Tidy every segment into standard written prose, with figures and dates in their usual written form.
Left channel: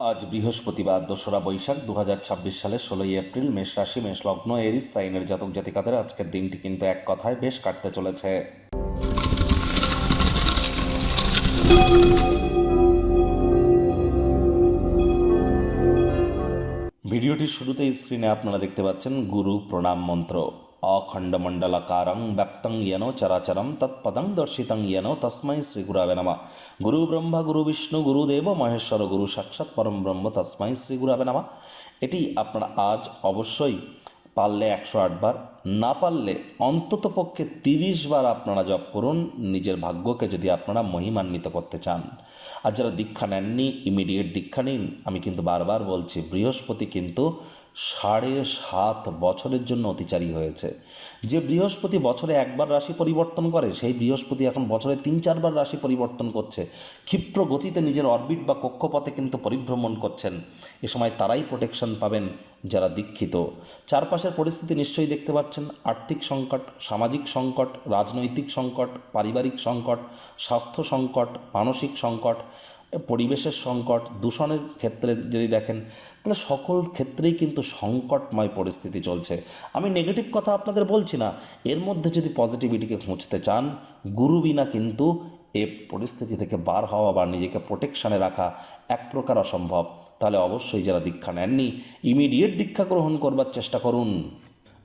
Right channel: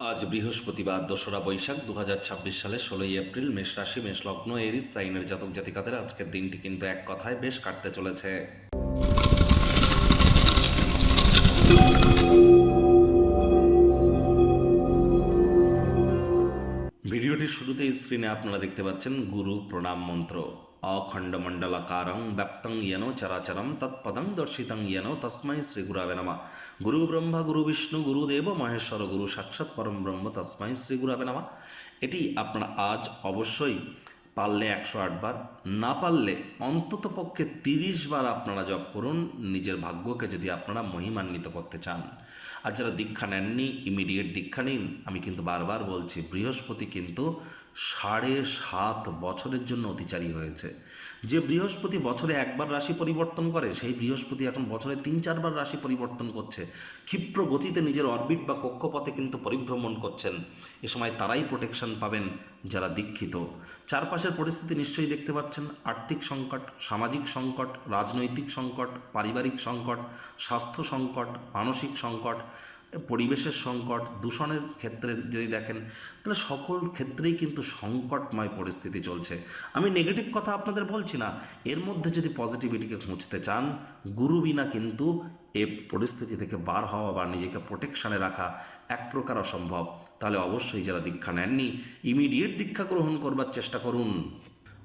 আজ বৃহস্পতিবার ২রা বৈশাখ ২০২৬ সালে ১৬ই এপ্রিল। মেষ রাশি, মেষ লগ্ন, এরিস সাইনের জাতক জাতিকাদের আজকের দিনটি কিন্তু এক কথায় বেশ কাটতে চলেছে। ভিডিওটির শুরুতেই স্ক্রিনে আপনারা দেখতে পাচ্ছেন গুরু প্রণাম মন্ত্র। অখণ্ডমণ্ডলাকারং ব্যাপ্তং ইয়েন চরাচরম তৎপদং দর্শিতং ইয়েন তস্मै শ্রী গুরবে নমঃ। গুরু ব্রহ্মা গুরু বিষ্ণু গুরুদেব মহেশ্বর গুরু সাক্ষাৎ পরম ব্রহ্ম তস্मै শ্রী গুরবে নমঃ। এটি আপনারা আজ অবশ্যই পারলে ১০৮ বার, না পারলে অন্ততপক্ষে ৩০ বার আপনারা জপ করুন, নিজের ভাগ্যকে যদি আপনারা মহিমান্বিত করতে চান। আর যারা দীক্ষা নেননি, ইমিডিয়েট দীক্ষা নিন। আমি কিন্তু বারবার বলছি, বৃহস্পতি কিন্তু ৭.৫ বছরের জন্য অতিচারী হয়েছে। যে বৃহস্পতি বছরে একবার রাশি পরিবর্তন করে, সেই বৃহস্পতি এখন বছরে ৩-৪ বার রাশি পরিবর্তন করছে। ক্ষিপ্র গতিতে নিজের অরবিট বা কক্ষপথে কিন্তু পরিভ্রমণ করছেন। এ সময় তারাই প্রোটেকশন পাবেন যারা দীক্ষিত। চারপাশের পরিস্থিতি নিশ্চয়ই দেখতে পাচ্ছেন। আর্থিক সংকট, সামাজিক সংকট, রাজনৈতিক সংকট, পারিবারিক সংকট, স্বাস্থ্য সংকট, মানসিক সংকট, পরিবেশের সংকট, দূষণের ক্ষেত্রে যদি দেখেন, তাহলে সকল ক্ষেত্রেই কিন্তু সংকটময় পরিস্থিতি চলছে। আমি নেগেটিভ কথা আপনাদের বলছি না, এর মধ্যে যদি পজিটিভিটিকে খুঁজতে চান, গুরু বিনা কিন্তু এ পরিস্থিতি থেকে বার হওয়া বা নিজেকে প্রোটেকশানে রাখা এক প্রকার অসম্ভব। তাহলে অবশ্যই যারা দীক্ষা নেননি, ইমিডিয়েট দীক্ষা গ্রহণ করবার চেষ্টা করুন।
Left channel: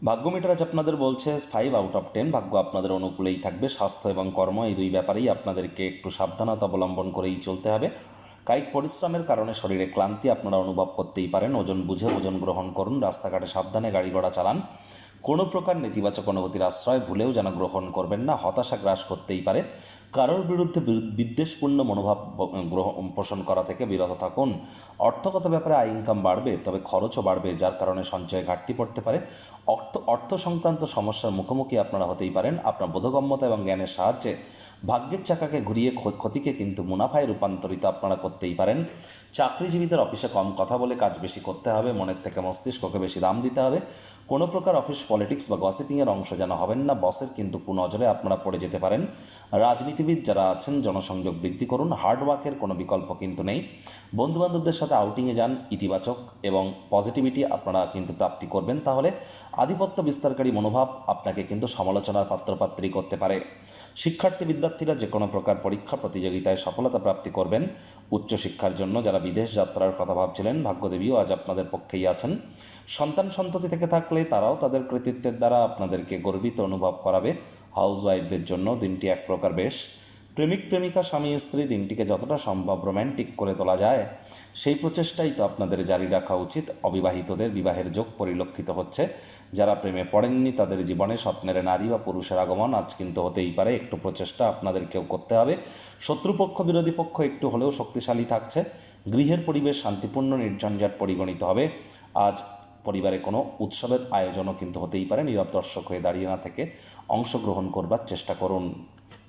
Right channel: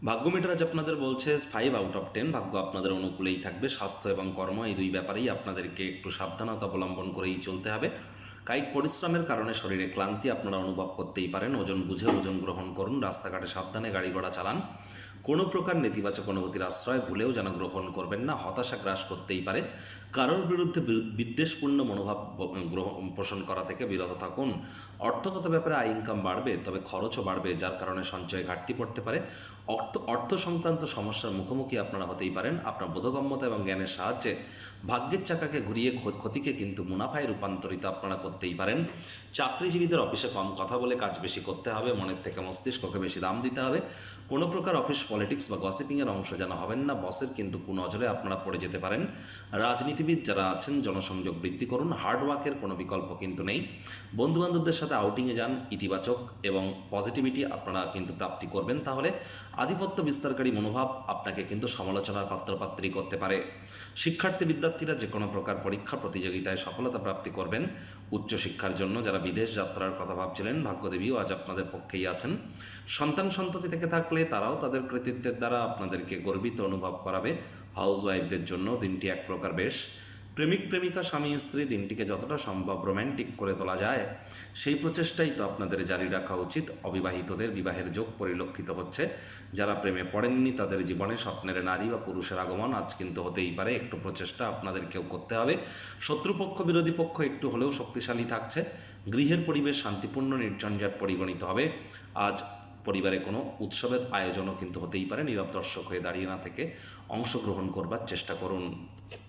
ভাগ্য মিটার আজ আপনাদের বলছে 5/10, ভাগ্য আপনাদের অনুকূলেই থাকবে। স্বাস্থ্য এবং কর্ম এই দুই ব্যাপারেই আপনাদেরকে একটু সাবধানতা অবলম্বন করেই চলতে হবে। কায়িক পরিশ্রমের কারণে শরীরে ক্লান্তি আপনারা অনুভব করতেই পারেন। ওজন বুঝে ওজন গ্রহণ করুন। রাস্তাঘাটে সাবধানে গাড়ি ঘোড়া চালান। কোনো প্রকার নেতিবাচক অনুভূতির আশ্রয় ভুলেও যেন গ্রহণ করবেন না। হতাশা গ্রাস করতেই পারে। কারোর বিরুদ্ধে বিদ্বেষপূর্ণ মনোভাব পোষণ করা থেকে বিরত থাকুন। অর্থগত ব্যাপারে আয় ইনকাম বাড়বে, তবে খরচও বাড়বে, যার কারণে সঞ্চয়ে ঘাটতি পড়তে পারে। অর্থ সংক্রান্ত সমস্যার মুখোমুখি আপনারা হতেই পারেন। আপনার বোধগম্যতা এবং জ্ঞানের সাহায্যে ভাগ্যের চাকাকে ঘুরিয়ে ক্ষতিকে কিন্তু মুনাফায় রূপান্তরিত আপনারা করতেই পারেন। চাকরিজীবীদের অফিসে কম কথা বলে কাজ বেশি করতে হবে। মনের থেকে মস্তিষ্ককে বেশি দাম দিতে হবে। কোনো প্রকার অফিস পলিটিক্স বা গসিপিংয়ের অংশ যেন হবেন না। বসের কিন্তু কুনজরে আপনারা পড়ে যেতে পারেন। রাজনীতিবিদ যারা আছেন, জনসংযোগ বৃদ্ধি করুন। হার্ডওয়ার্কের কোনো বিকল্প কিন্তু নেই। বন্ধুবান্ধবদের সাথে আউটিংয়ে যান। ইতিবাচক এবং পজিটিভিটি আপনারা কিন্তু প্রাপ্তি করবেন। তাহলে আধিপত্য বিস্তারকারী মনোভাব আপনাকে কিন্তু সমালোচনার পাত্রপাত্রী করতে পারে। শিক্ষার্থী বিদ্যার্থীরা যে কোনো প্রকার পরীক্ষা প্রতিযোগিতায় সফলতা প্রাপ্তি করবেন। উচ্চশিক্ষার জন্য যারা বিদেশ যাত্রার কথা ভাবছিলেন, ভাগ্যদেবীও আজ আপনাদের পক্ষেই আছেন। সন্তান সন্ততি থেকে থাকলে তারাও তাদের কৃতিত্বের দ্বারা আপনাদেরকে গর্বিত অনুভব করাবে। হাউসওয়াইফদের জন্য দিনটি এক প্রকার বেশ। প্রেমিক প্রেমিকা, স্বামী স্ত্রী, দিনটিকে যতটা সম্ভব রোম্যান্টিক করে তোলা যায় সেই প্রচেষ্টাই তো আপনাদের জারি রাখা উচিত। অবিবাহিতদের বিবাহের যোগ পরিলক্ষিত হচ্ছে। যারা প্রেমে পড়েননি তাদের জীবনে স্বপ্নের নারী বা পুরুষের আগমন আজ কিন্তু হতেই পারে। একটু প্রচেষ্টা আপনাদেরকেও করতে হবে। শত্রুপক্ষ বিরোধী পক্ষ একটু হলেও শক্তিশালী থাকছে। গৃহের পরিবেশ শান্তিপূর্ণ, নির্ঝঞ্ঝাট পরিগণিত হবে। আজ পরিবারে কোনো উৎসবের আয়োজনও কিন্তু হতেই পারে। নীরব দর্শক হয়ে দাঁড়িয়ে না থেকে অংশগ্রহণ করবার চেষ্টা করুন।